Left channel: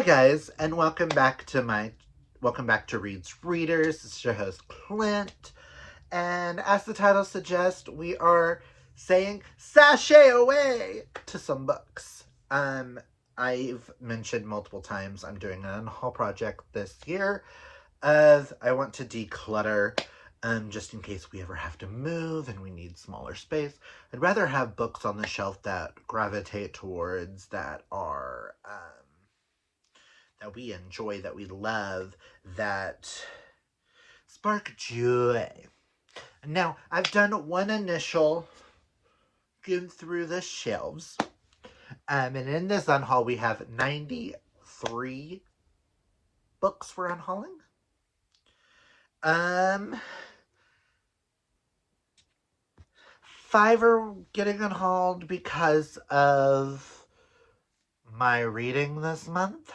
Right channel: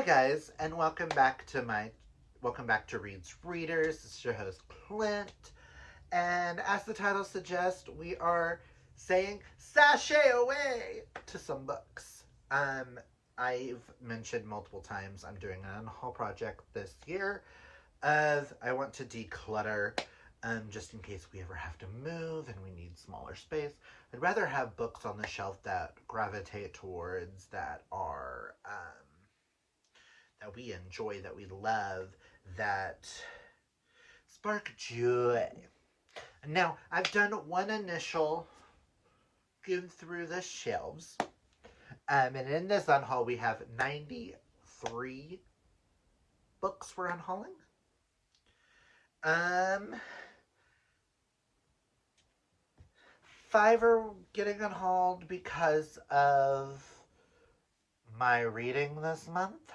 Hi guys, and welcome back to Reed's Readers. This is your host Clint, and as the title suggests, we are saying sashay away to some books. I've mentioned multiple times I'm doing an unhaul project this year, as I want to declutter. Just in case we ever have to move and we need smaller space, I'd rather have books on the shelf that gravitate towards that are that we enjoy, that we love, that spark joy. Now, I've done one initial skim through the shelves, and in this unhaul, we have 93 books for unhauling. 5 are getting unhauled because of my reading this month.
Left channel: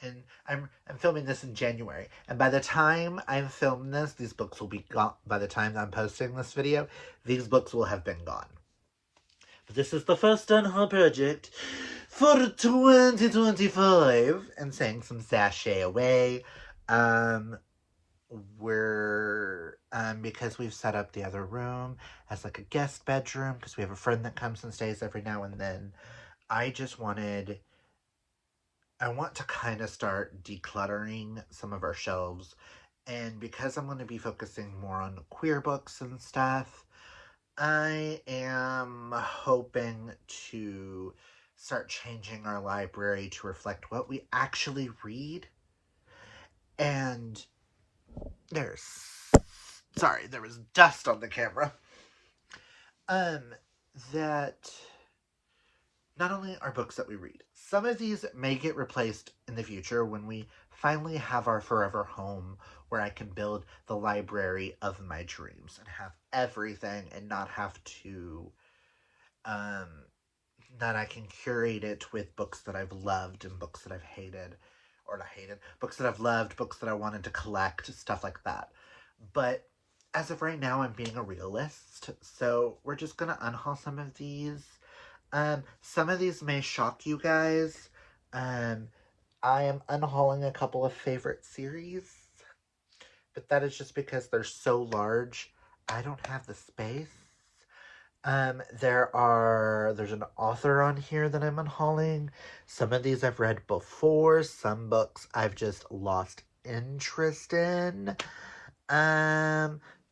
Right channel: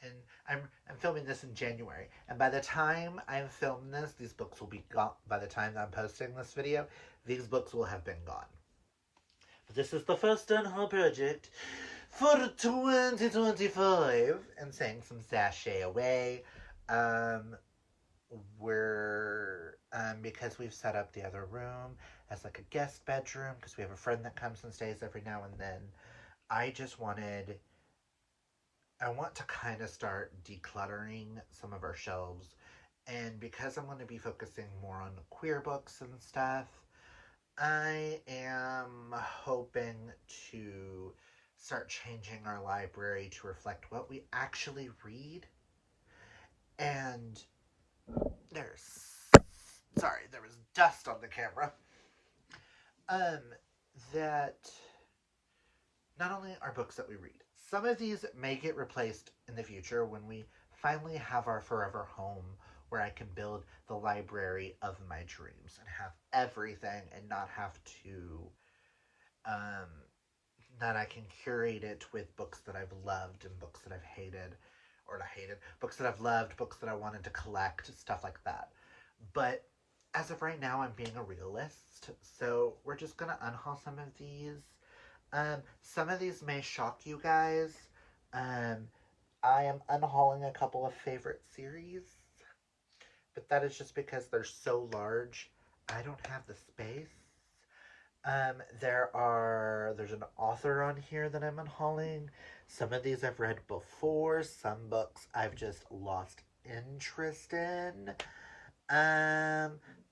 And I'm filming this in January, and by the time I'm filming this, these books will be gone. By the time I'm posting this video, these books will have been gone. But this is the first unhaul project for 2025, and saying some sashay away. Because we've set up the other room as like a guest bedroom, because we have a friend that comes and stays every now and then. I want to kind of start decluttering some of our shelves, and because I'm going to be focusing more on queer books and stuff, I am hoping to start changing our library to reflect what we actually read. And there was dust on the camera. That not only are books that we read, some of these may get replaced in the future when we finally have our forever home where I can build the library of my dreams and have everything and not have to, that I can curate it with books that I've loved and books that I've hated, or not hated, books that I've loved, books that I wanted to collect, stuff like that. But as of right now, I'm being a realist, so we're just going to unhaul some of these. Some of these may shock you guys. I am unhauling a couple of favorite series, but that is just because they're so large. I don't have the space. There's an author on here that I'm unhauling. Some of these I've read before. Some books I've just lost interest in.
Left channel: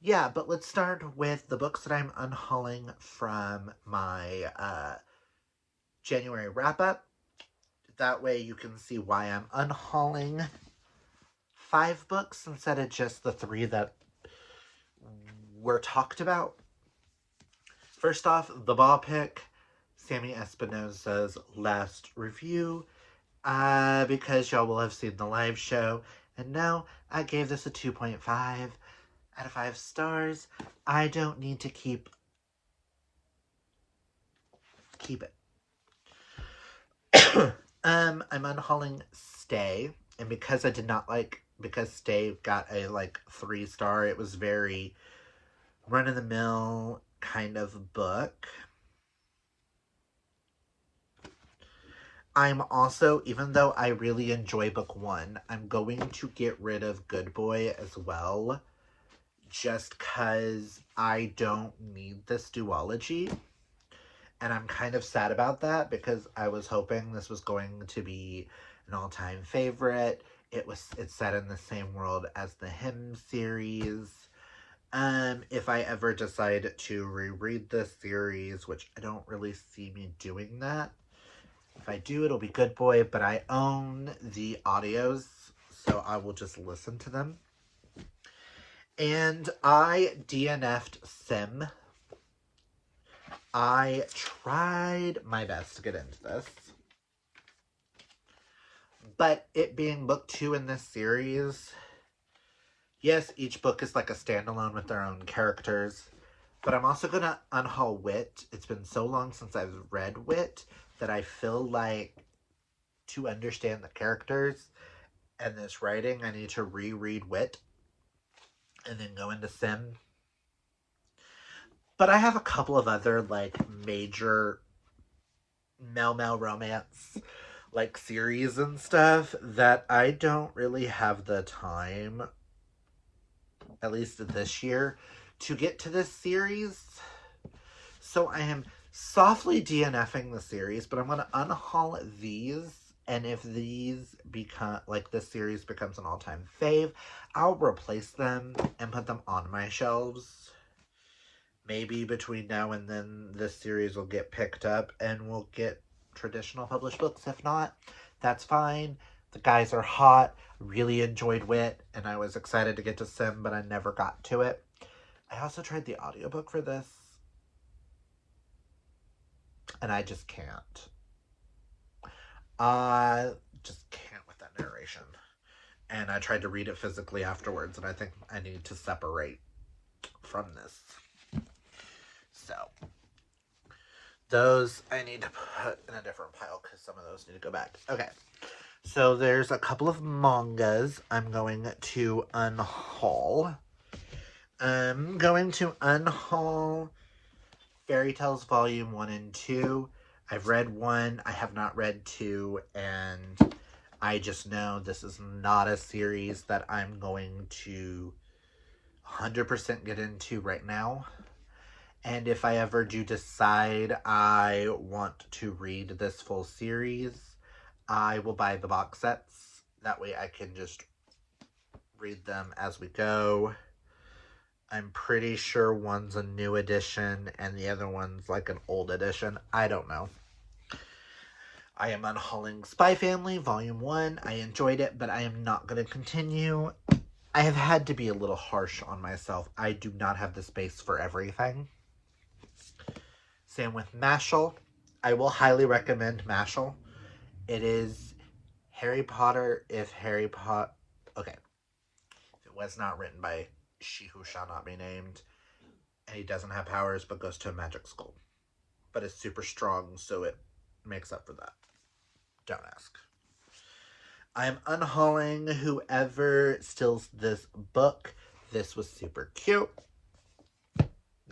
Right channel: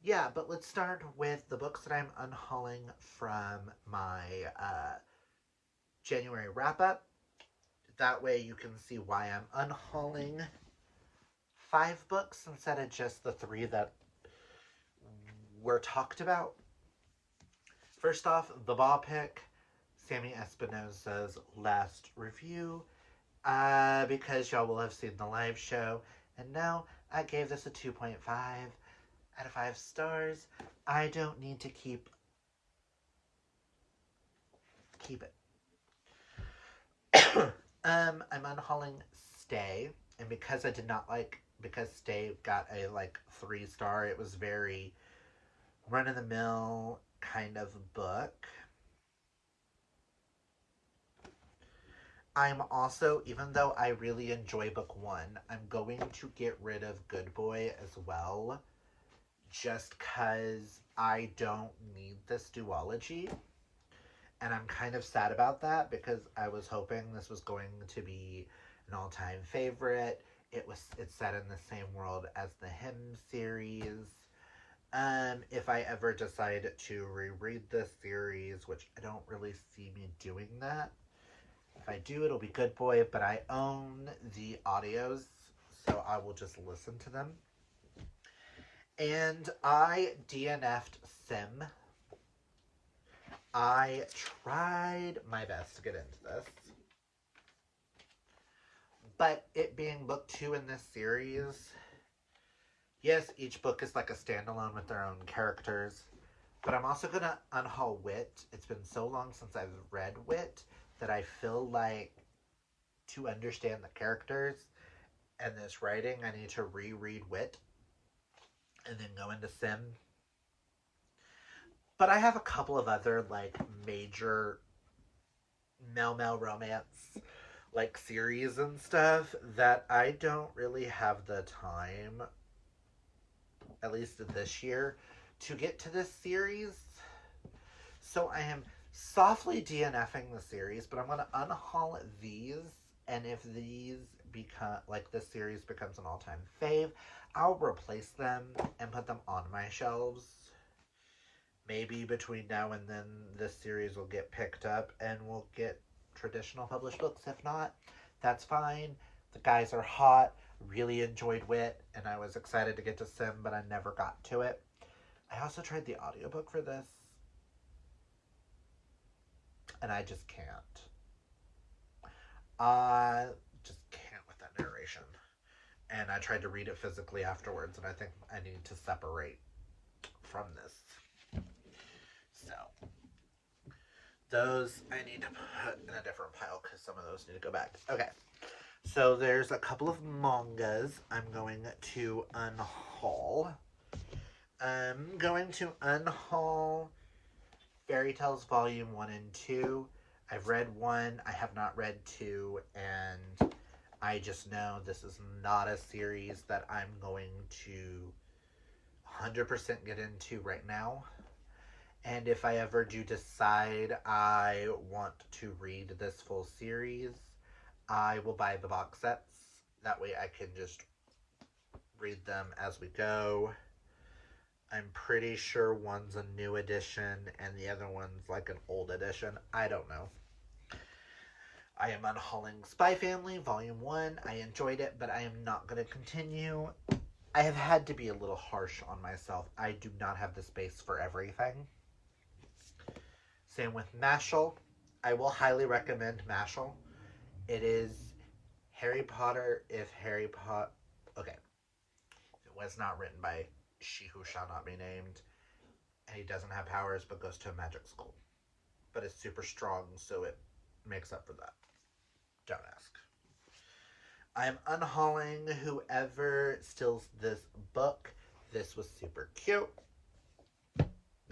Yeah, but let's start with the books that I'm unhauling from my, January wrap-up. That way you can see why I'm unhauling 5 books instead of just the 3 that were talked about. First off, the ball pick, Sammy Espinosa's last review, because y'all will have seen the live show, and now I gave this a 2.5 out of 5 stars. I don't need to keep it. I'm unhauling Stay, and because Stay got a 3-star, it was very run-of-the-mill kind of book. I'm also, even though I really enjoy book 1, I'm going to get rid of Good Boy as well, just because I don't need this duology. And I'm kind of sad about that, because I was hoping this was going to be an all-time favorite. It's set in the same world as the Hymn series. If I ever decide to reread this series, which I don't really see me doing that. If I do, it'll be Good Boy, but I own the audios, so I will just listen to them. And I DNF'd Sim. I tried my best to get into this, but it being book 2 in this series, yes, each book is like a standalone with their own characters, but I'm also going to unhaul Wit. It's been so long since I've read Wit that I feel like to understand the characters and this writing, I need to reread Wit and then go into Sim. But I have a couple of other major male romance like series and stuff that I don't really have the time, at least this year, to get to this series. So I am softly DNFing the series, but I'm going to unhaul these. And if these become, like this series becomes an all-time fave, I'll replace them and put them on my shelves. Maybe between now and then this series will get picked up and we'll get traditional published books. If not, that's fine. The guys are hot. Really enjoyed Wit, and I was excited to get to Sim, but I never got to it. I also tried the audiobook for this, and I just can't. I just can't with that narration. And I tried to read it physically afterwards, and I think I need to separate from this. So, those I need to put in a different pile because some of those need to go back. Okay, so there's a couple of mangas I'm going to unhaul. I'm going to unhaul Fairy Tales Volume 1 and 2. I've read 1, I have not read 2, and I just know this is not a series that I'm going to 100% get into right now. And if I ever do decide I want to read this full series, I will buy the box sets. That way I can just read them as we go. I'm pretty sure one's a new edition and the other one's like an old edition. I don't know. I am unhauling Spy Family Volume 1. I enjoyed it, but I am not going to continue. I have had to be a little harsh on myself. I do not have the space for everything. Same with Mashal. I will highly recommend Mashal. It is Harry Potter if Harry Potter... Okay. It was not written by She Who Shall Not Be Named. And he doesn't have powers but goes to a magic school. But it's super strong, so it makes up for that. Don't ask. I'm unhauling Whoever Steals This Book. This was super cute.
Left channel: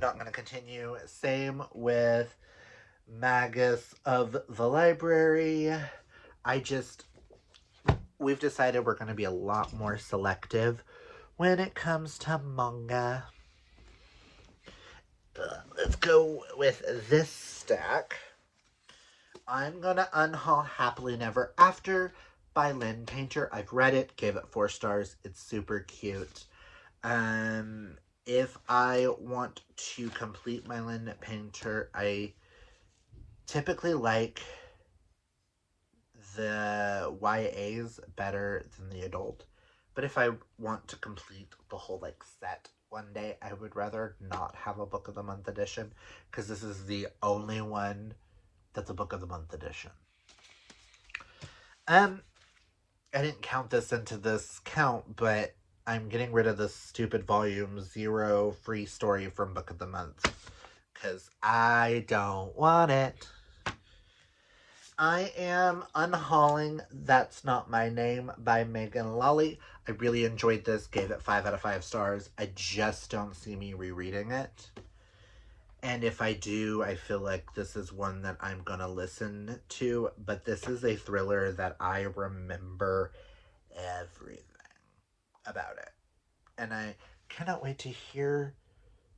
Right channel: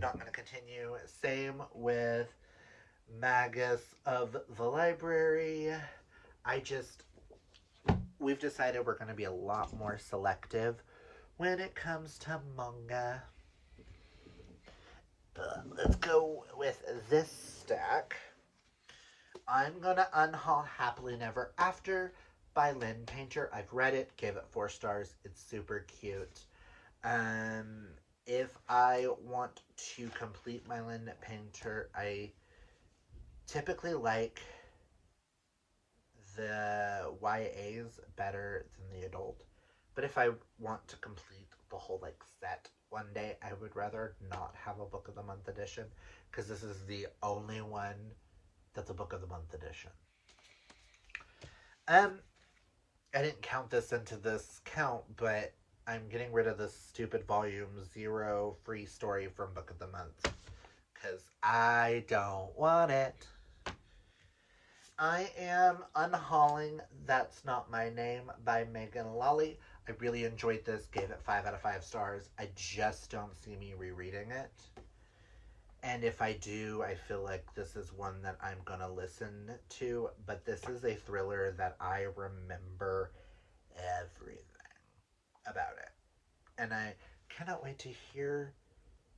Not going to continue. Same with Magus of the Library. We've decided we're going to be a lot more selective when it comes to manga. Let's go with this stack. I'm going to unhaul Happily Never After by Lynn Painter. I've read it, gave it 4 stars. It's super cute. If I want to complete my Lynn Painter, I typically like the YAs better than the adult. But if I want to complete the whole set one day, I would rather not have a Book of the Month edition because this is the only one that's a Book of the Month edition. I didn't count this into this count, but I'm getting rid of this stupid volume 0 free story from Book of the Month because I don't want it. I am unhauling That's Not My Name by Megan Lally. I really enjoyed this, gave it 5 out of 5 stars. I just don't see me rereading it. And if I do, I feel like this is one that I'm going to listen to. But this is a thriller that I remember everything about it. And I cannot wait to hear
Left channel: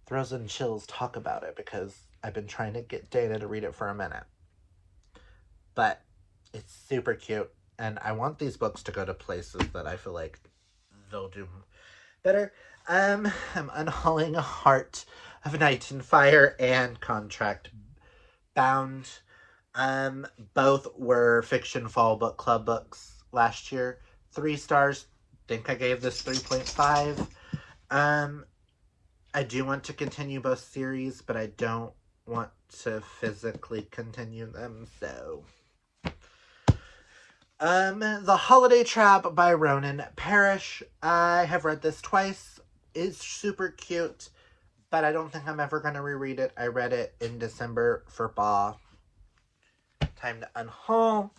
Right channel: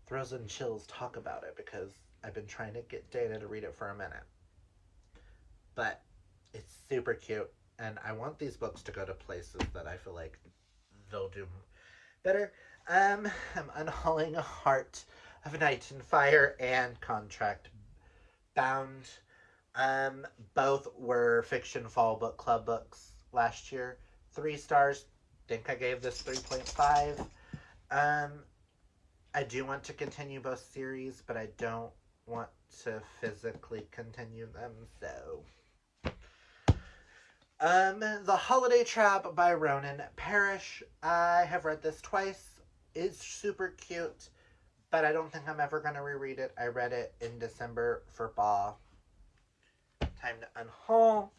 Throws and Chills talk about it because I've been trying to get Dana to read it for a minute. But it's super cute. And I want these books to go to places that I feel like they'll do better. I'm unhauling Heart of Night and Fire and Contract Bound. Both were Fiction Fall Book Club books last year. 3 stars. Think I gave this 3.5. I do want to continue both series, but I don't want to physically continue them, so... The Holiday Trap by Ronan Parrish. I have read this twice. It's super cute, but I don't think I'm ever going to reread it. I read it in December for Ba. Time to unhaul.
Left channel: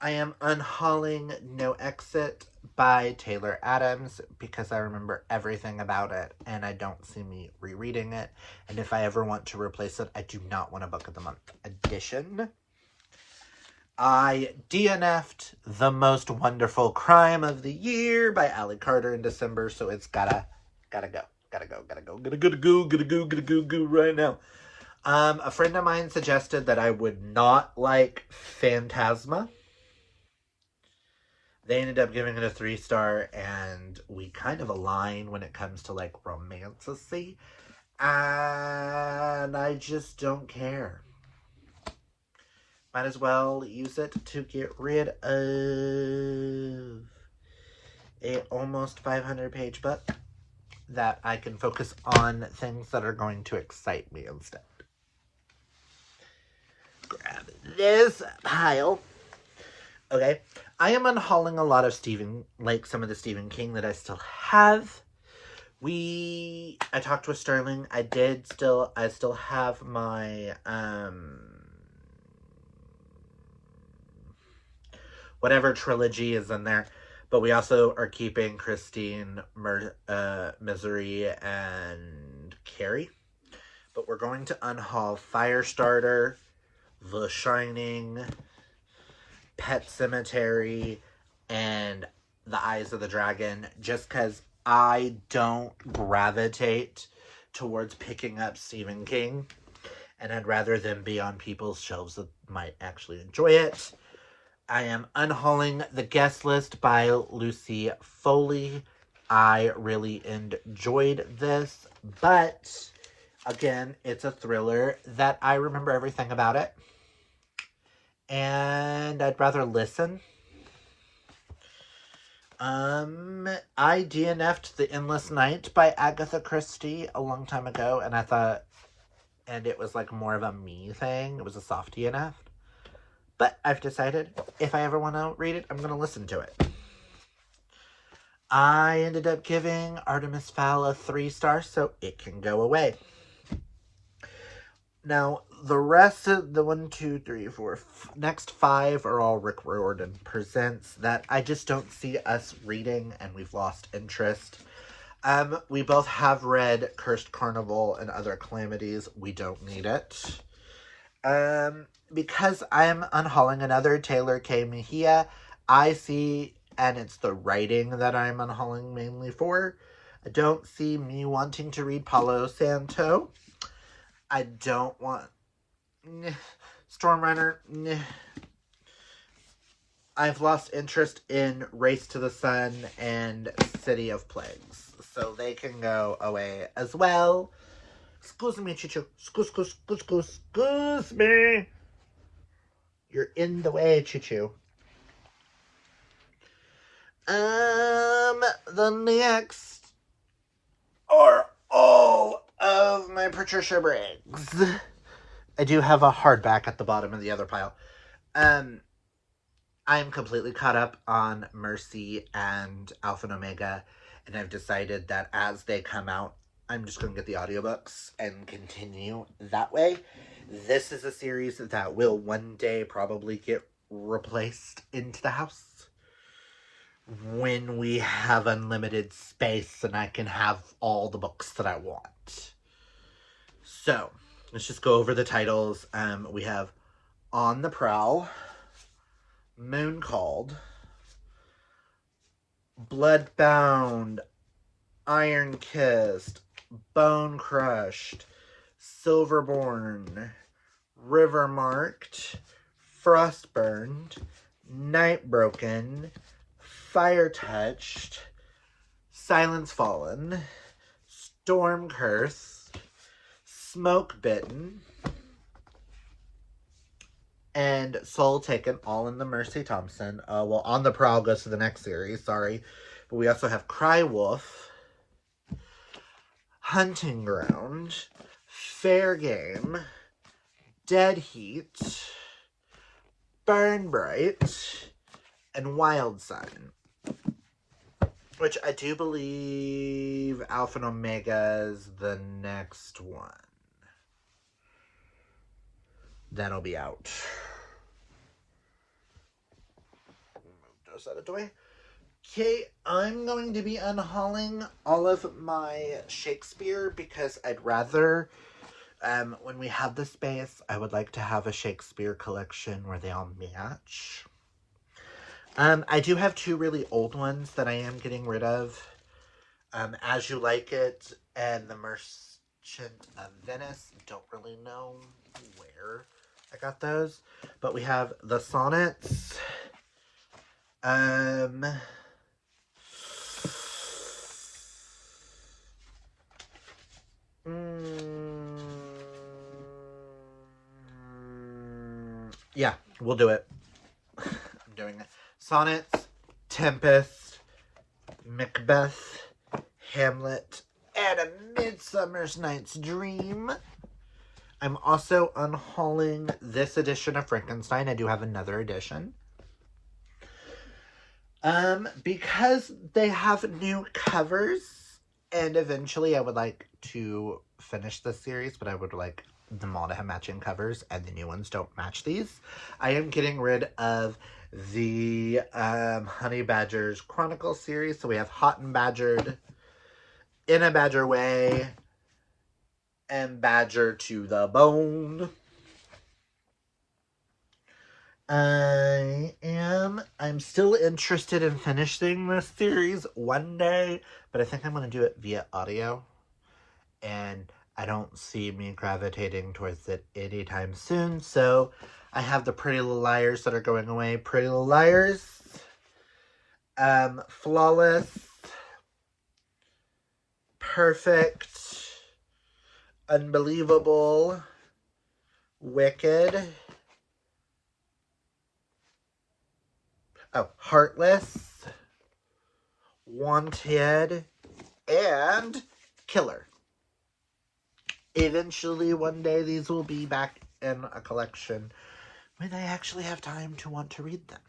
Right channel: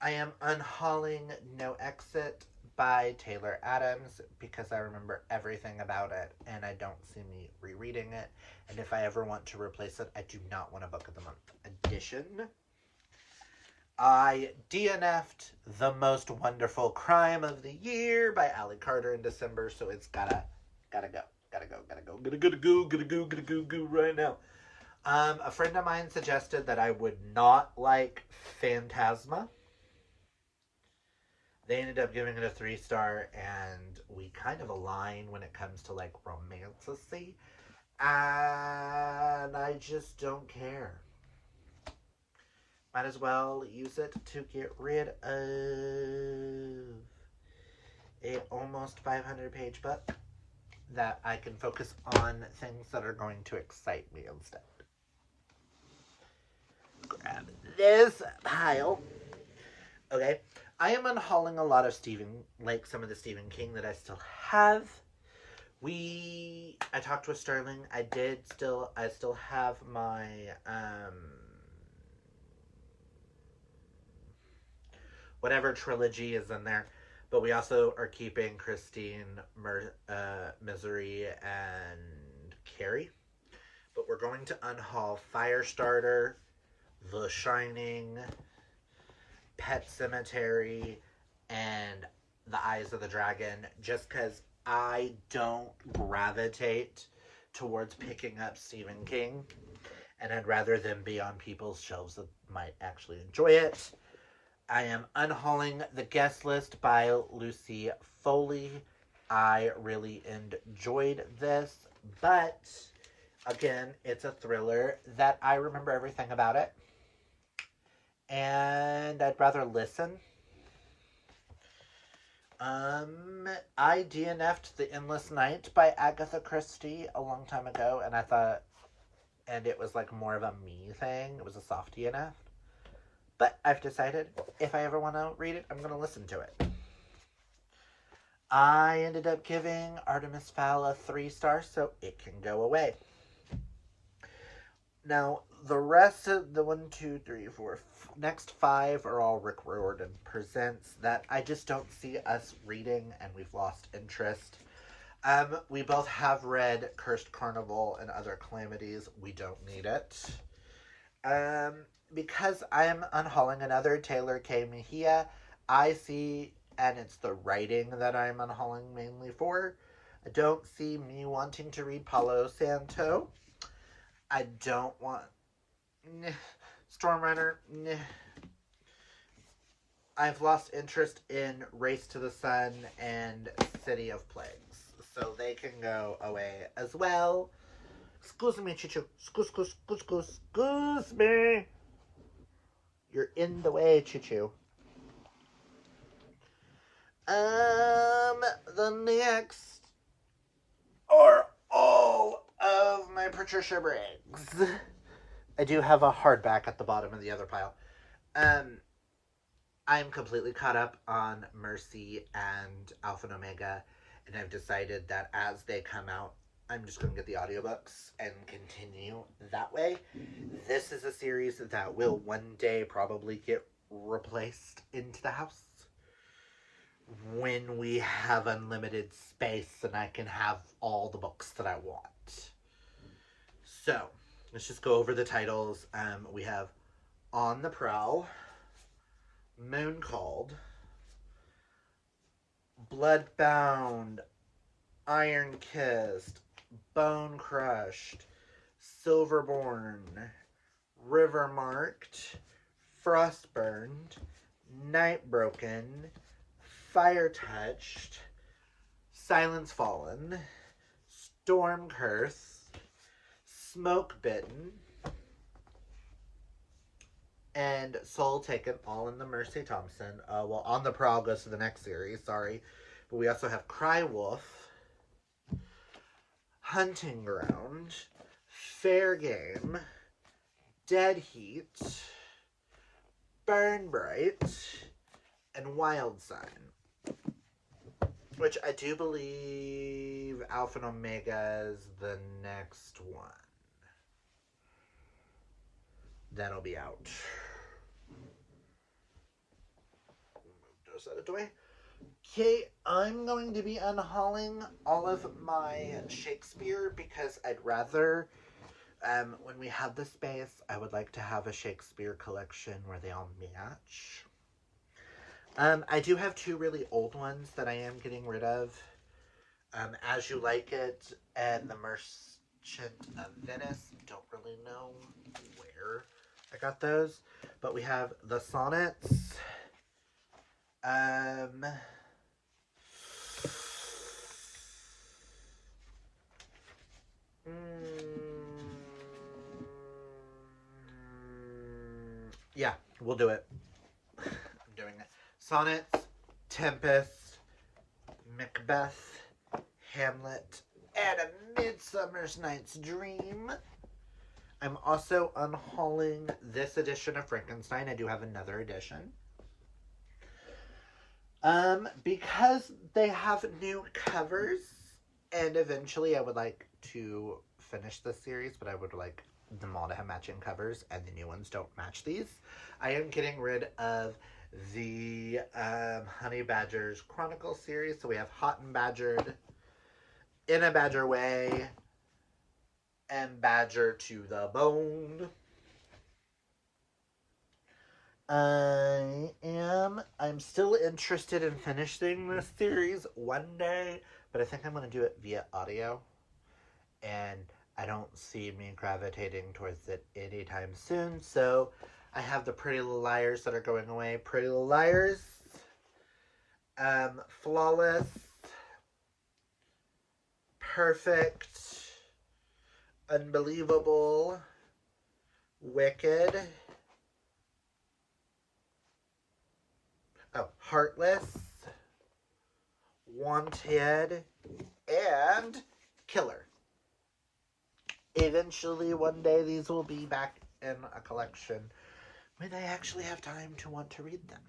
I am unhauling No Exit by Taylor Adams because I remember everything about it and I don't see me rereading it. And if I ever want to replace it, I do not want a Book of the Month edition. I DNF'd The Most Wonderful Crime of the Year by Allie Carter in December, so it's gotta go right now. A friend of mine suggested that I would not like Phantasma. They ended up giving it a 3-star, and we kind of align when it comes to like romanticy, and I just don't care. Might as well use it to get rid of a almost 500-page book that I can focus on things that are going to excite me instead. Grab this pile. Okay, I am unhauling a lot of some of the Stephen King that I still have. I talked with Sterling. I still have my, whatever trilogy is in there. But we also are keeping Christine, Misery, and Carrie. But we're going to unhaul Firestarter, The Shining, Pet Cemetery, and The Eyes of the Dragon, just because I don't gravitate towards picking up Stephen King, and I'd rather them be on people's shelves that might actually enjoy it. I am unhauling The Guest List by Lucy Foley. I really enjoyed this, but again, it's a thriller that I remember everything about it, and I'd rather listen. I DNF'd The Endless Night by Agatha Christie a long time ago, and it was like more of a me thing. It was a soft DNF. But I've decided if I ever want to read it, I'm going to listen to it. I ended up giving Artemis Fowl a 3-star, so it can go away. Now, the rest of the next 5 are all Rick Riordan presents that I just don't see us reading, and we've lost interest. We both have read Cursed Carnival and Other Calamities. We don't need it. Because I'm unhauling another Taylor K. Mejia, I see, and it's the writing that I'm unhauling mainly for. I don't see me wanting to read Palo Santo. I don't want Stormrunner. I've lost interest in Race to the Sun and City of Plagues, so they can go away as well. Excuse me, Chichu. Excuse me. You're in the way, Choo-choo. The next are all of my Patricia Briggs. I do have a hardback at the bottom of the other pile. I am completely caught up on Mercy and Alpha and Omega, and I've decided that as they come out, I'm just going to get the audiobooks and continue that way. This is a series that will one day probably get replaced into the house when we have unlimited space and I can have all the books that I want. So, let's just go over the titles. We have On the Prowl, Moon Called, Bloodbound, Iron Kissed, Bone Crushed, Silverborn, River Marked, Frostburned, Night Broken, Fire Touched, Silence Fallen, Storm Cursed, Smoke Bitten, and Soul Taken, all in the Mercy Thompson. On the Prowl goes to the next series, sorry. But we also have Cry Wolf, Hunting Ground, Fair Game, Dead Heat, Burn Bright, and Wild Sign. Which I do believe Alpha and Omega is the next one. That'll be out. Move those out of the way. Okay, I'm going to be unhauling all of my Shakespeare because I'd rather When we have the space, I would like to have a Shakespeare collection where they all match. I do have two really old ones that I am getting rid of. As You Like It and The Merchant of Venice. Don't really know where I got those. But we have the sonnets. Yeah, we'll do it. I'm doing it. Sonnets, Tempest, Macbeth, Hamlet, and A Midsummer's Night's Dream. I'm also unhauling this edition of Frankenstein. I do have another edition. Because they have new covers, and eventually I would like to finish this series, but I would like them all to have matching covers, and the new ones don't match these. I am getting rid of the Honey Badgers Chronicle series. So we have Hot and Badgered, In a Badger Way, and Badger to the Bone. I'm still interested in finishing this series one day, but I think I'm going to do it via audio, and I don't see me gravitating towards it anytime soon. So I have the Pretty Little Liars that are going away. Pretty Little Liars, Flawless, Perfect, Unbelievable, Wicked, Heartless, Wanted, and Killer. Eventually, one day, these will be back in a collection when I actually have time to want to read them.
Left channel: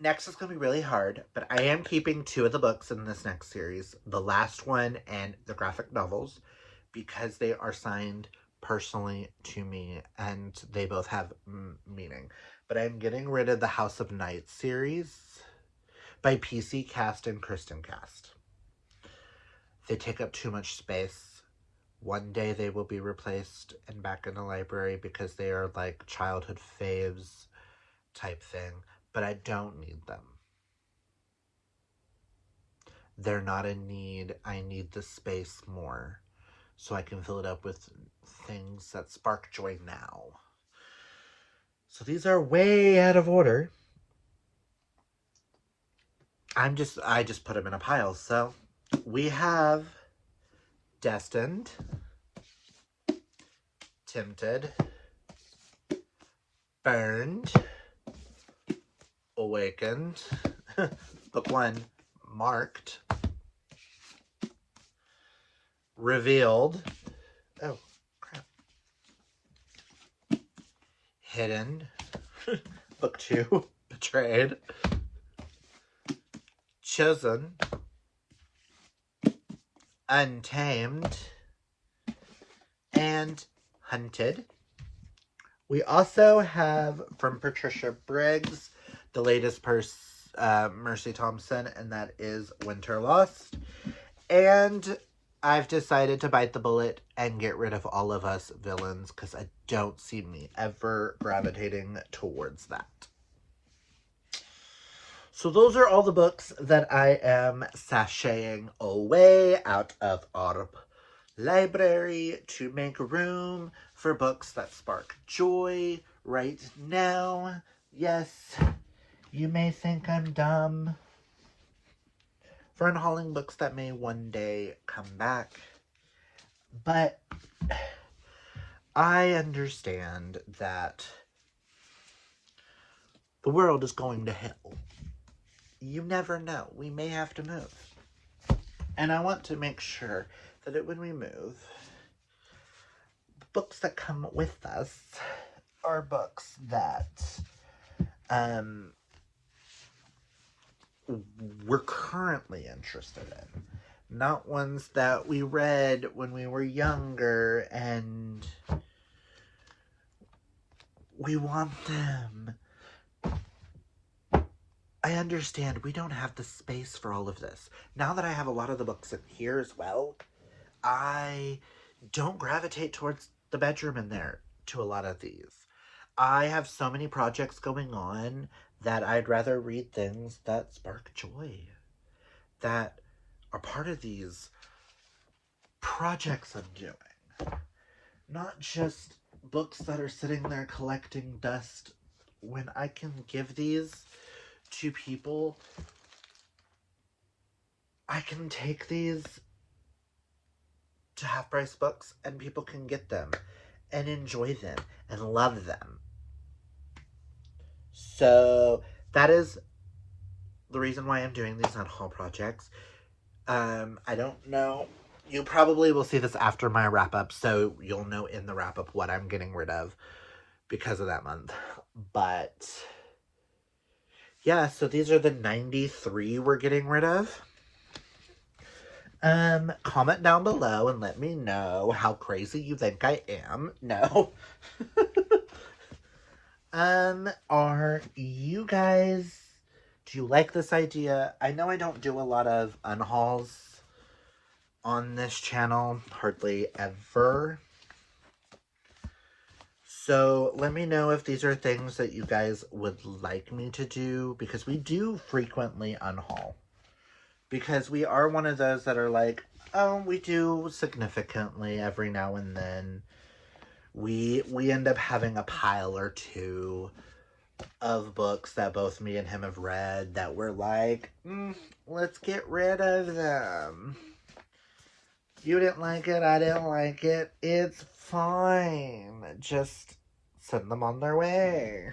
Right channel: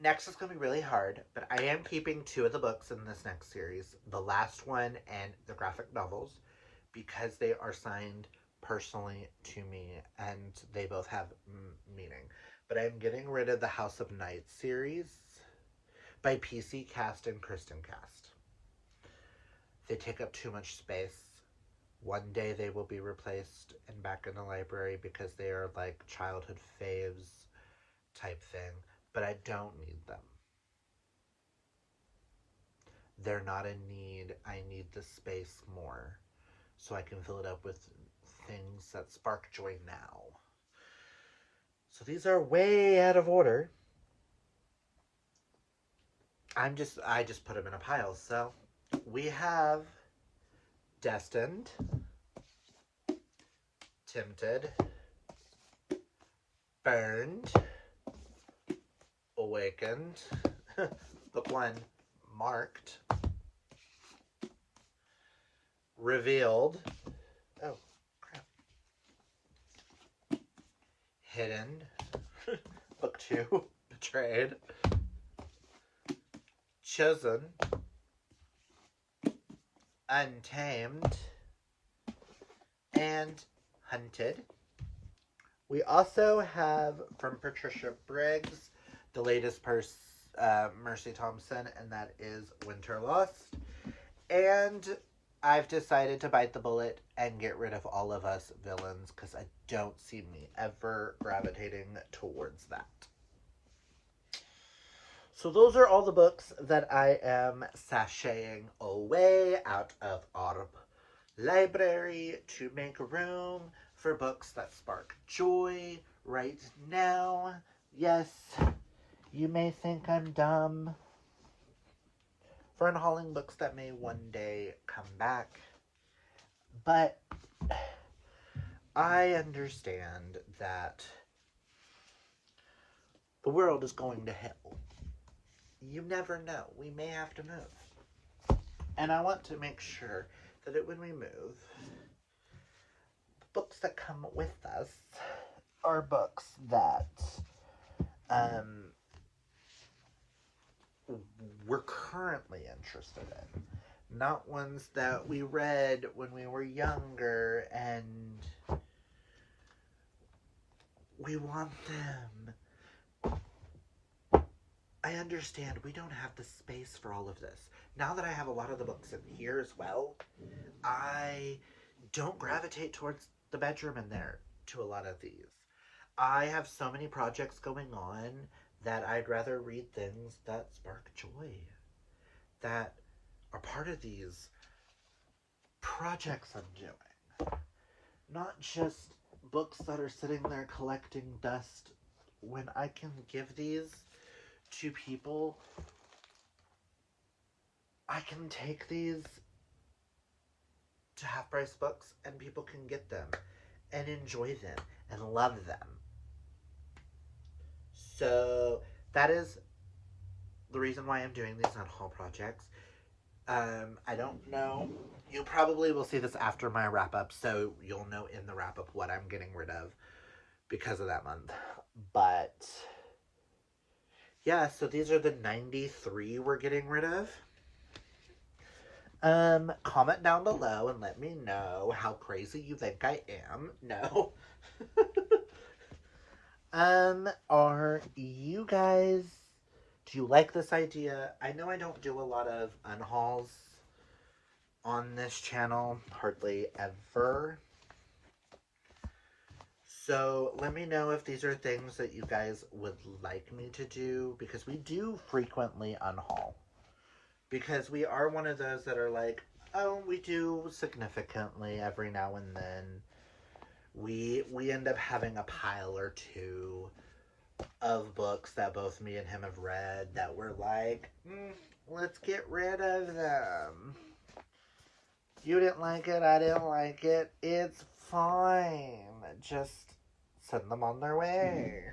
Next is going to be really hard, but I am keeping two of the books in this next series, the last one and the graphic novels, because they are signed personally to me, and they both have meaning. But I'm getting rid of the House of Night series by PC Cast and Kristen Cast. They take up too much space. One day they will be replaced and back in the library because they are like childhood faves type thing, but I don't need them. They're not in need. I need the space more so I can fill it up with things that spark joy now. So these are way out of order. I just put them in a pile. So we have Destined, Tempted, Burned, Awakened, book 1, Marked, Revealed, oh crap, Hidden, book 2, Betrayed, Chosen, Untamed, and Hunted. We also have from Patricia Briggs the latest Mercy Thompson, and that is Winter Lost. And I've decided to bite the bullet and get rid of All of Us villains because I don't see me ever gravitating towards that. So those are all the books that I am sashaying away out of our library to make room for books that spark joy right now. Yes, you may think I'm dumb for unhauling books that may one day come back, but I understand that the world is going to hell. You never know. We may have to move. And I want to make sure that when we move, the books that come with us are books that we're currently interested in. Not ones that we read when we were younger and we want them. I understand we don't have the space for all of this. Now that I have a lot of the books in here as well, I don't gravitate towards the bedroom in there to a lot of these. I have so many projects going on that I'd rather read things that spark joy, that are part of these projects I'm doing. Not just books that are sitting there collecting dust when I can give these to people. I can take these to Half Price Books and people can get them and enjoy them and love them. So that is the reason why I'm doing these Unhaul projects. I don't know. You probably will see this after my wrap up, so you'll know in the wrap up what I'm getting rid of because of that month. But yeah, so these are the 93 we're getting rid of. Comment down below and let me know how crazy you think I am. No. Are you guys, do you like this idea? I know I don't do a lot of unhauls on this channel, hardly ever. So let me know if these are things that you guys would like me to do, because we do frequently unhaul. Because we are one of those that are like, oh, we do significantly every now and then. We end up having a pile or two of books that both me and him have read that we're like, let's get rid of them. You didn't like it, I didn't like it. It's fine. Just send them on their way.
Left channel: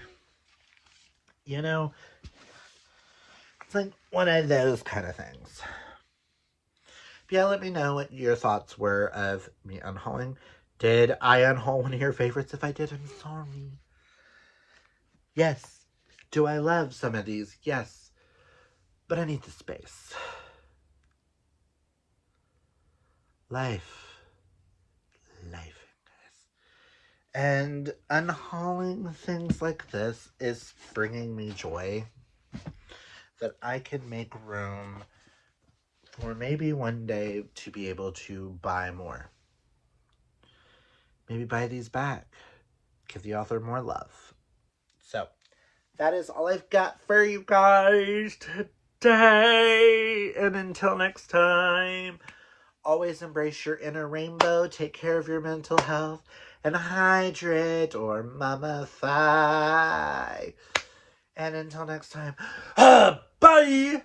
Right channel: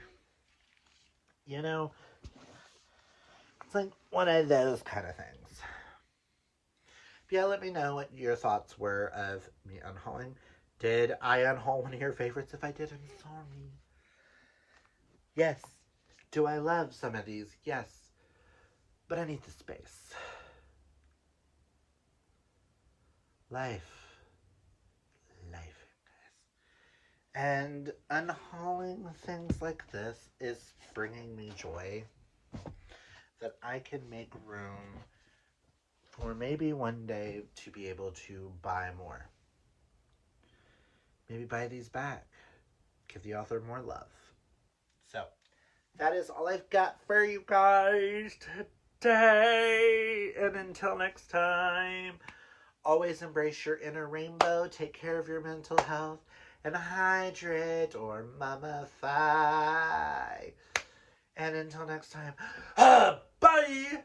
You know, it's like one of those kind of things. But yeah, let me know what your thoughts were of me unhauling. Did I unhaul one of your favorites? If I did, I'm sorry. Yes. Do I love some of these? Yes. But I need the space. Life. And unhauling things like this is bringing me joy that I can make room for maybe one day to be able to buy more. Maybe buy these back. Give the author more love. So, that is all I've got for you guys today. And until next time, always embrace your inner rainbow. Take care of your mental health. And hydrate or mummify. And until next time, bye!